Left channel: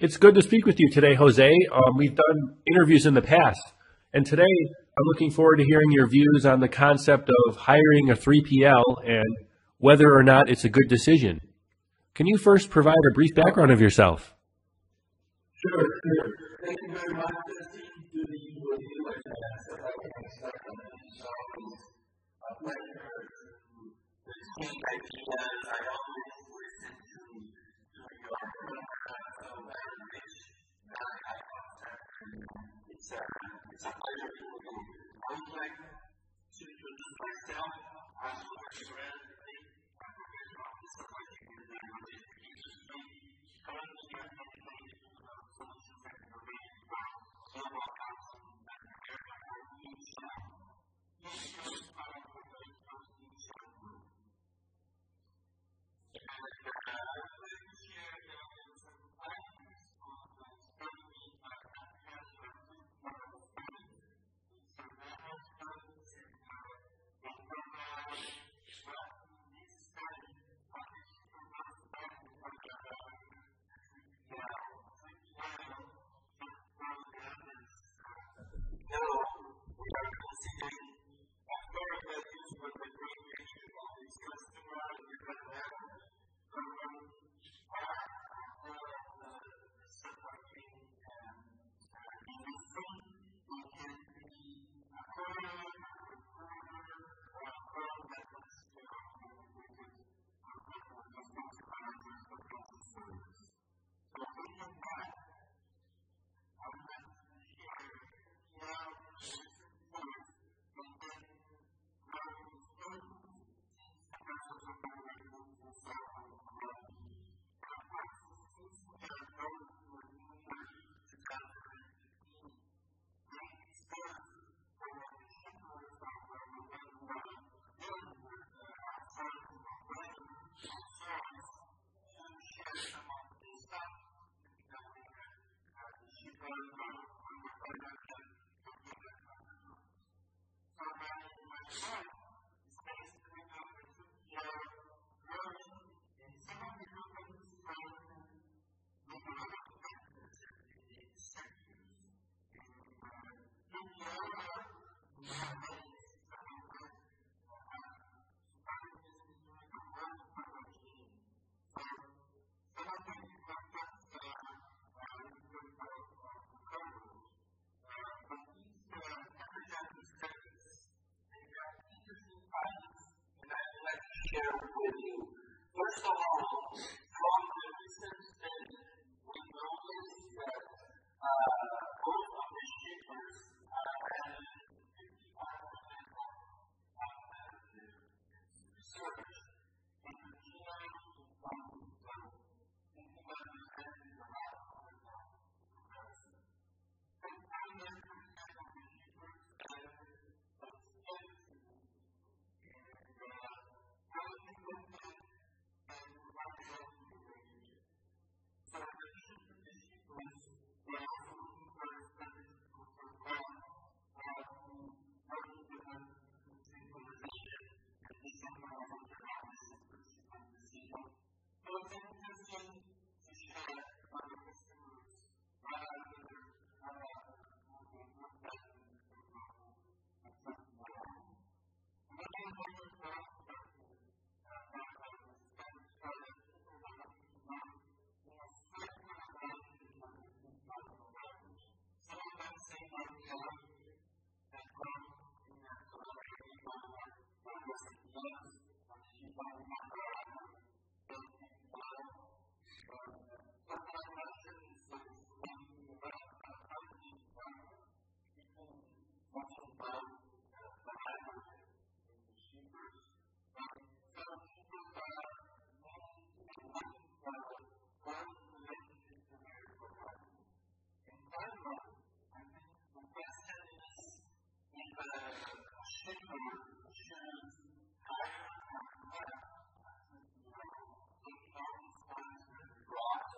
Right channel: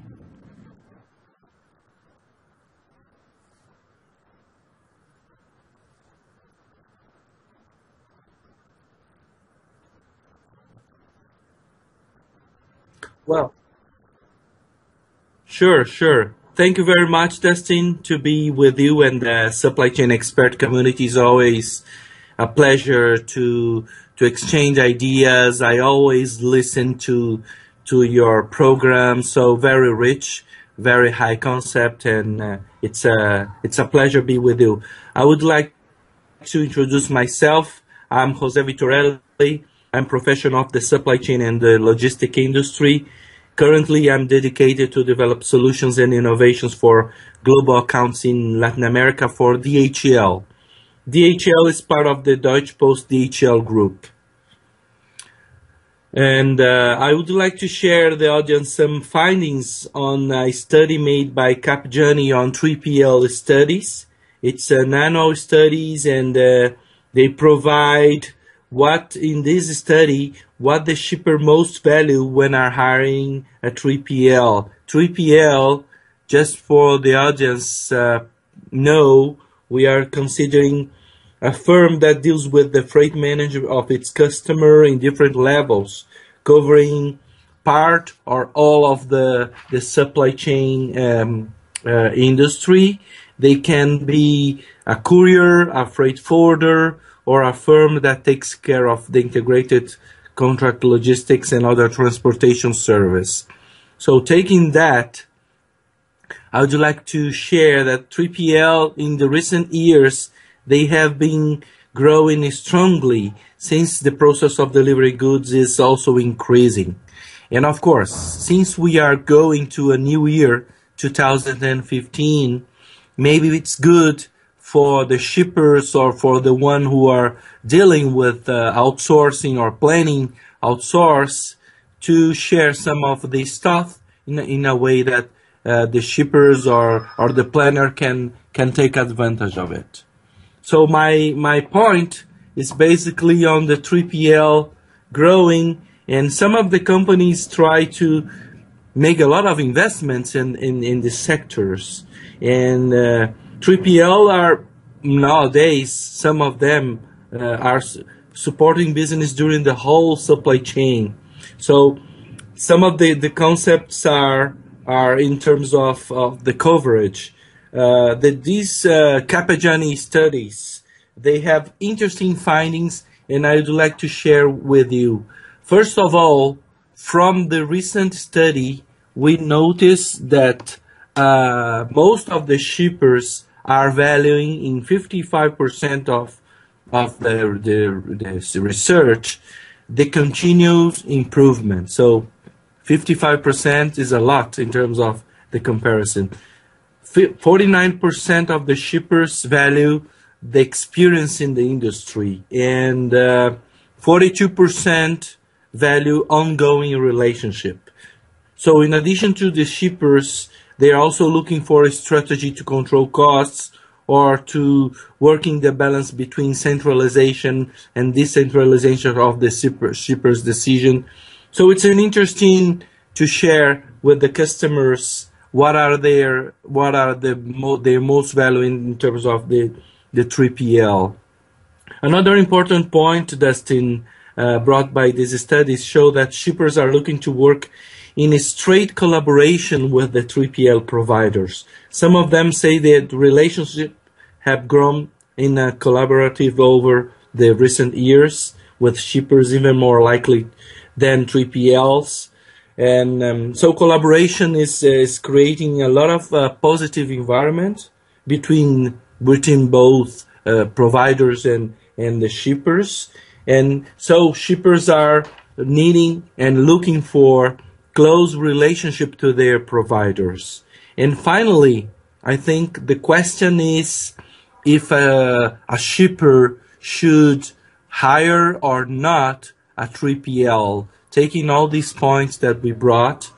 It's good to speak with you today, Jose. We've done interviews in the past, and today I'm looking forward to hearing your views on the concept of hiring a 3PL and whether or not it's a good decision. Can you first provide a brief Well, background of yourself? sure. Thank you very much, Dustin, to be with you and the supply chain expert community. Is always a pleasure to exchange ideas. I always listen to your program, so very rich, very high concept, and it's a pleasure to be with you. I would like to introduce myself. I'm Jose Vitorelli. I'm professional of the supply chain and the logistic industry. Currently, I'm dedicated to develop solutions and innovations for global accounts in Latin America for DHL. DHL is part of the Deutsche Post DHL group. And I would like to share the audience some findings on a study made by Capgiani on 3PL studies. It's an annual studies, and they provide what in this study what the shipper most value when are hiring a 3PL. 3PL, just for the audience know, we are considering a firm that deals with the freight management of its customer in different levels, covering part or all of the supply chain industry. They can be a courier, a freight forwarder, or a firm that takes care of the integrated contract logistics and other transportation service. So taking that, I would like to share that 3PL in the recent years, they have been growing strongly since the process of delivery goods is also increasing. And of course, since we are going to a new year, 2015, maybe it's good for the shippers or for the one who are dealing with outsourcing or planning outsource to share some of the stuff in a way that the shippers or the planner can take advantage of it. So my point is basically on the 3PL growing, and some of the companies try to make a lot of investments in the sectors. And 3PL are nowadays, some of them are supporting business during the whole supply chain. So some of the concepts are in terms of the coverage. These Capgiani studies, they have interesting findings, and I would like to share with you. First of all, from the recent study, we noticed that most of the shippers are valuing in 55% of the research the continuous improvement. So 55% is a lot in terms of the comparison. 49% of the shippers value the experience in the industry, and 42% value ongoing relationship. So in addition to the shippers, they are also looking for a strategy to control costs or to working the balance between centralization and decentralization of the shippers' decision. So it's an interesting to share with the customers what are their most value in terms of the 3PL. Another important point, Dustin, brought by these studies show that shippers are looking to work in a straight collaboration with the 3PL providers. Some of them say that relationship have grown in a collaborative over the recent years, with shippers even more likely than 3PLs. And so collaboration is creating a lot of positive environment between both providers and the shippers. And so shippers are needing and looking for close relationship to their providers. And finally, I think the question is if a shipper should hire or not a 3PL. Taking all these points that we brought,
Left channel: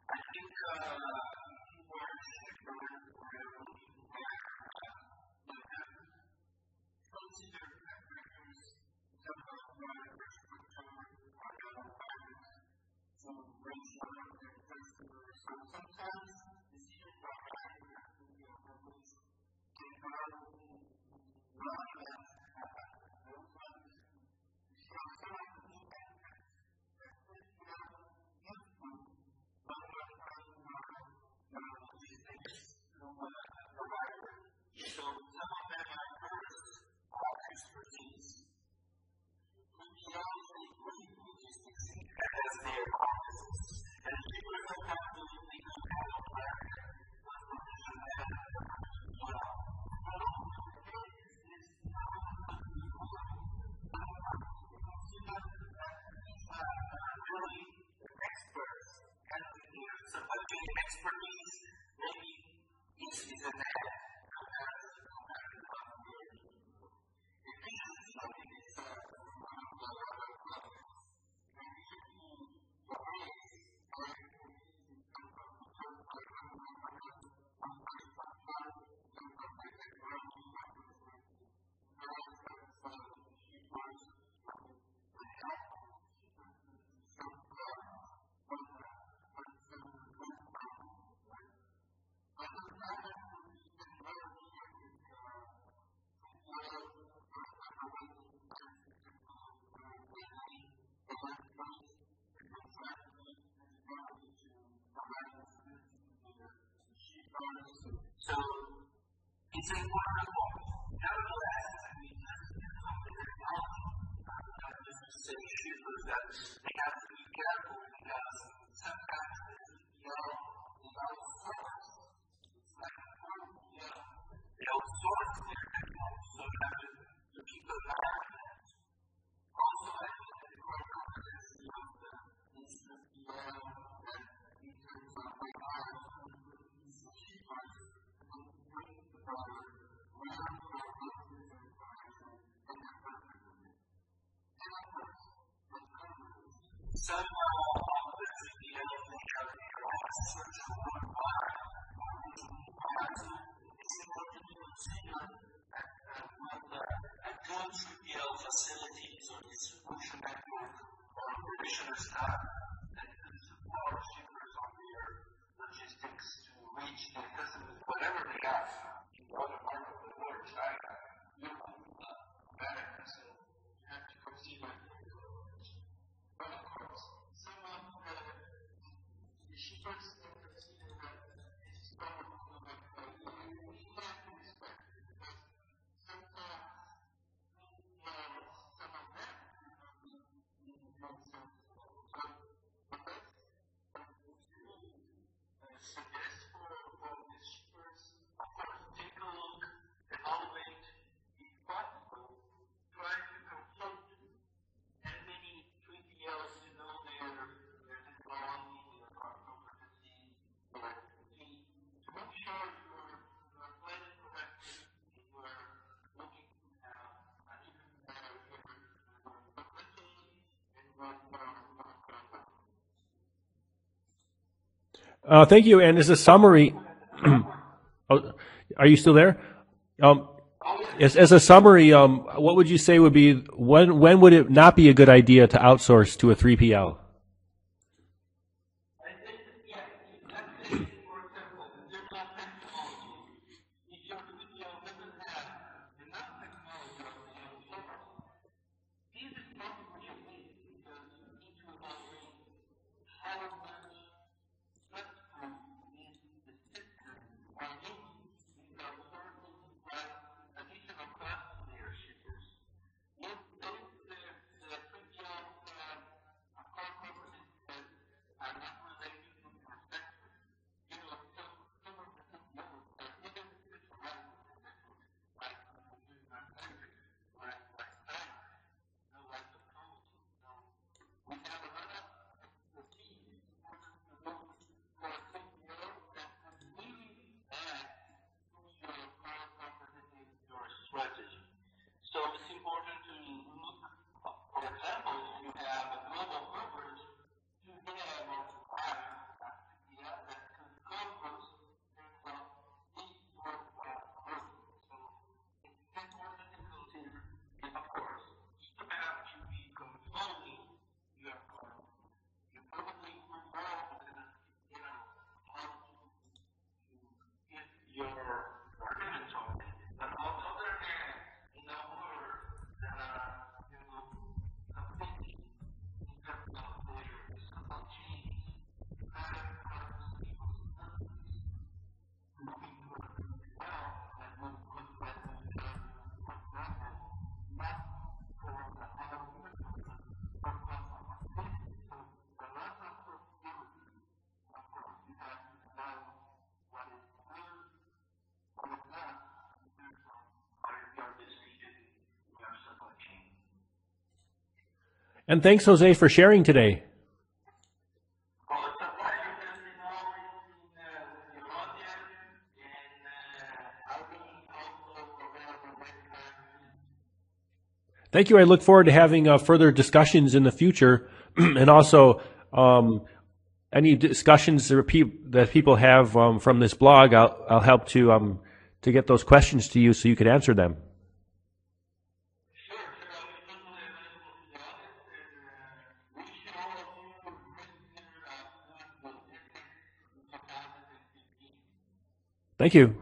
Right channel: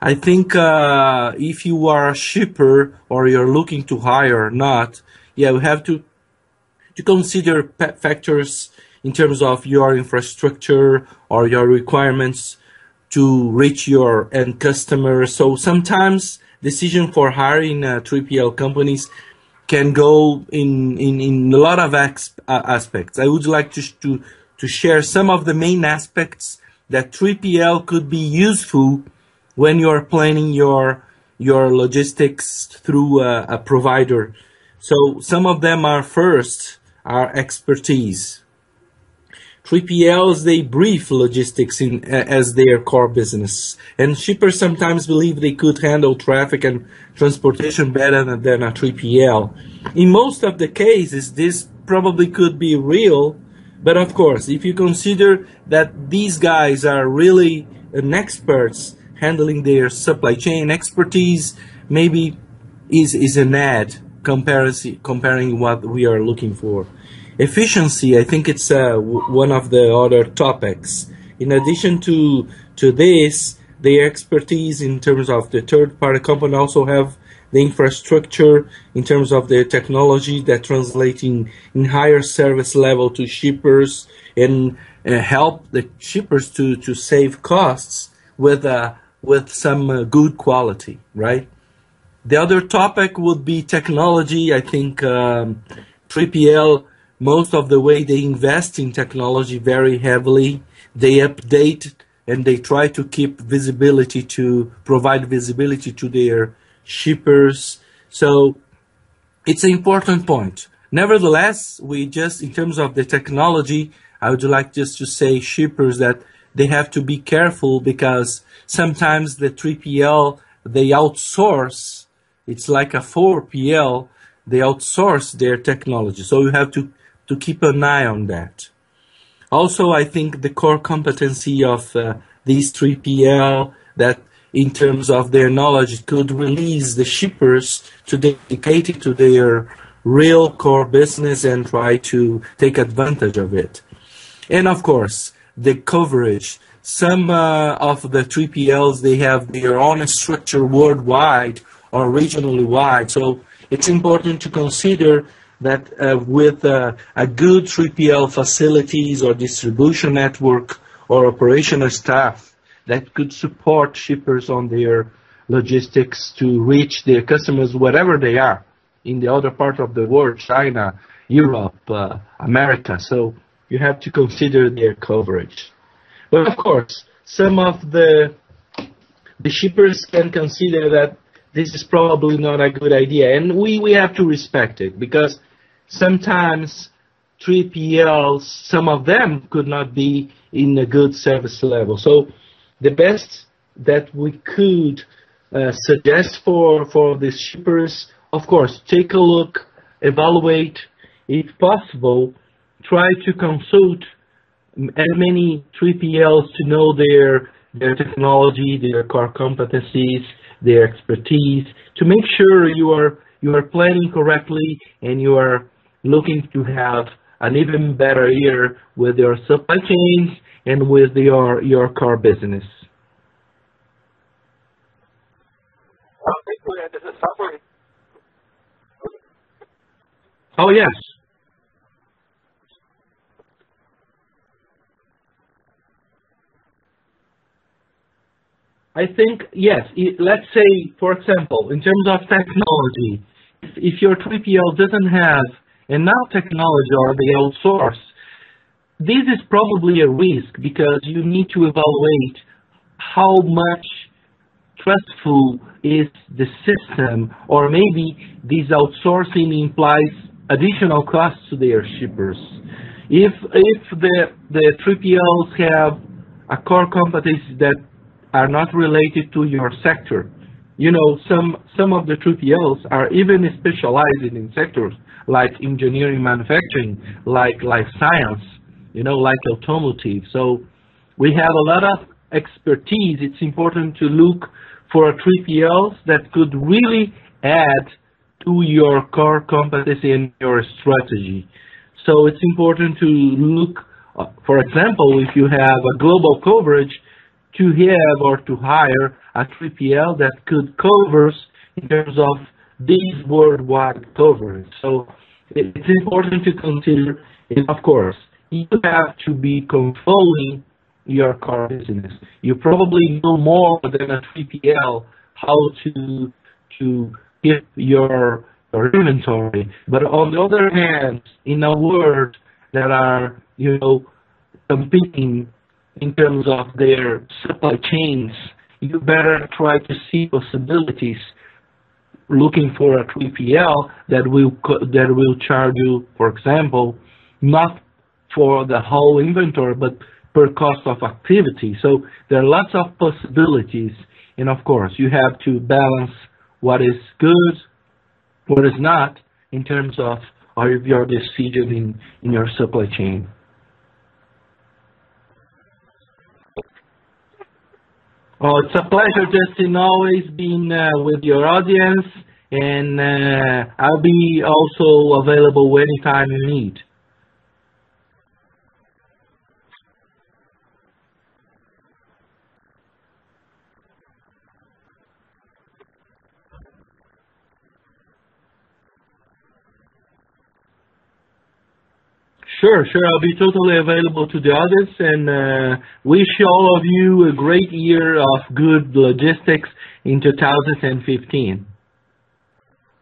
I think if you are a shipper or you're looking to hire or not, yeah, we have to consider factors in terms of your infrastructure or your requirements to reach your end customer. So sometimes decision for hiring 3PL companies can go in a lot of aspects. I would like to share some of the main aspects that 3PL could be useful when you're planning your logistics through a provider. So some of them are first are expertise. 3PLs, they brief logistics as their core business. And shippers sometimes believe they could handle traffic and transportation better than a 3PL. In most of the cases, this probably could be real, but of course, if you consider that these guys are really an experts handling their supply chain expertise, maybe is an ad comparing what we are looking for. Efficiency, I think it's one of the other topics. In addition to this, their expertise in terms of the third-party company also have the infrastructure in terms of the technology that translates in higher service level to shippers and help the shippers to save costs with some good quality, right? The other topic would be technology. I think 3PL, most of the way they invest in technology very heavily. They update and they try to keep visibility to provide visibility to their shippers. So it's an important point. Nevertheless, we just, in terms of the technology, I would like just to say shippers that they have to be careful because sometimes the 3PL, they outsource. It's like a 4PL, they outsource their technology. So you have to keep an eye on that. Also, I think the core competency of these 3PL that in terms of their knowledge could release the shippers to dedicate it to their real core business and try to take advantage of it. And of course, the coverage. Some of the 3PLs, they have their own structure worldwide or regionally wide. So it's important to consider that with a good 3PL facilities or distribution network or operational staff that could support shippers on their logistics to reach their customers wherever they are in the other part of the world, China, Europe, America. So you have to consider their coverage. But of course, some of the shippers can consider that this is probably not a good idea. And we have to respect it because sometimes 3PLs, some of them could not be in a good service level. So the best that we could suggest for the shippers, of course, take a look, evaluate, if possible, try to consult as many 3PLs to know their technology, their core competencies, their expertise, to make sure you are planning correctly and you are looking to have an even better year with your supply chains and with your core business. Thank you. And as a summary, oh, are you still there? Oh, yeah. As a summary, what would you say would be, when would it not be a good idea to outsource to a 3PL? I think, yes. Let's say, for example, in terms of technology, if your 3PL doesn't have enough technology or they outsource, this is probably a risk because you need to evaluate how much trustful is the system, or maybe this outsourcing implies additional costs to their shippers. If the 3PLs have a core competencies that are not related to your sector, you know, some of the 3PLs are even specializing in sectors like engineering, manufacturing, like life science, you know, like automotive. So we have a lot of expertise. It's important to look for 3PLs that could really add to your core competency and your strategy. So it's important to look, for example, if you have a global coverage, to have or to hire a 3PL that could cover in terms of this worldwide coverage. So it's important to consider, and of course, you have to be controlling your core business. You probably know more than a 3PL how to keep your inventory. But on the other hand, in a world that are, competing in terms of their supply chains, you better try to see possibilities looking for a 3PL that will charge you, for example, not for the whole inventory, but per cost of activity. So there are lots of possibilities, and of course, you have to balance what is good, what is not, in terms of your decision in your supply chain. And thanks, Jose, for sharing today. Oh, it's a pleasure, Justin, always being with your audience, and I'll be also available anytime you need. Thank you. I look forward to having further discussions in the future, and also any discussions that people have from this blog. I'll help to get those questions to you so you can answer them. Sure. I'll be totally available to the audience, and wish all of you a great year of good logistics in 2015. Thank you.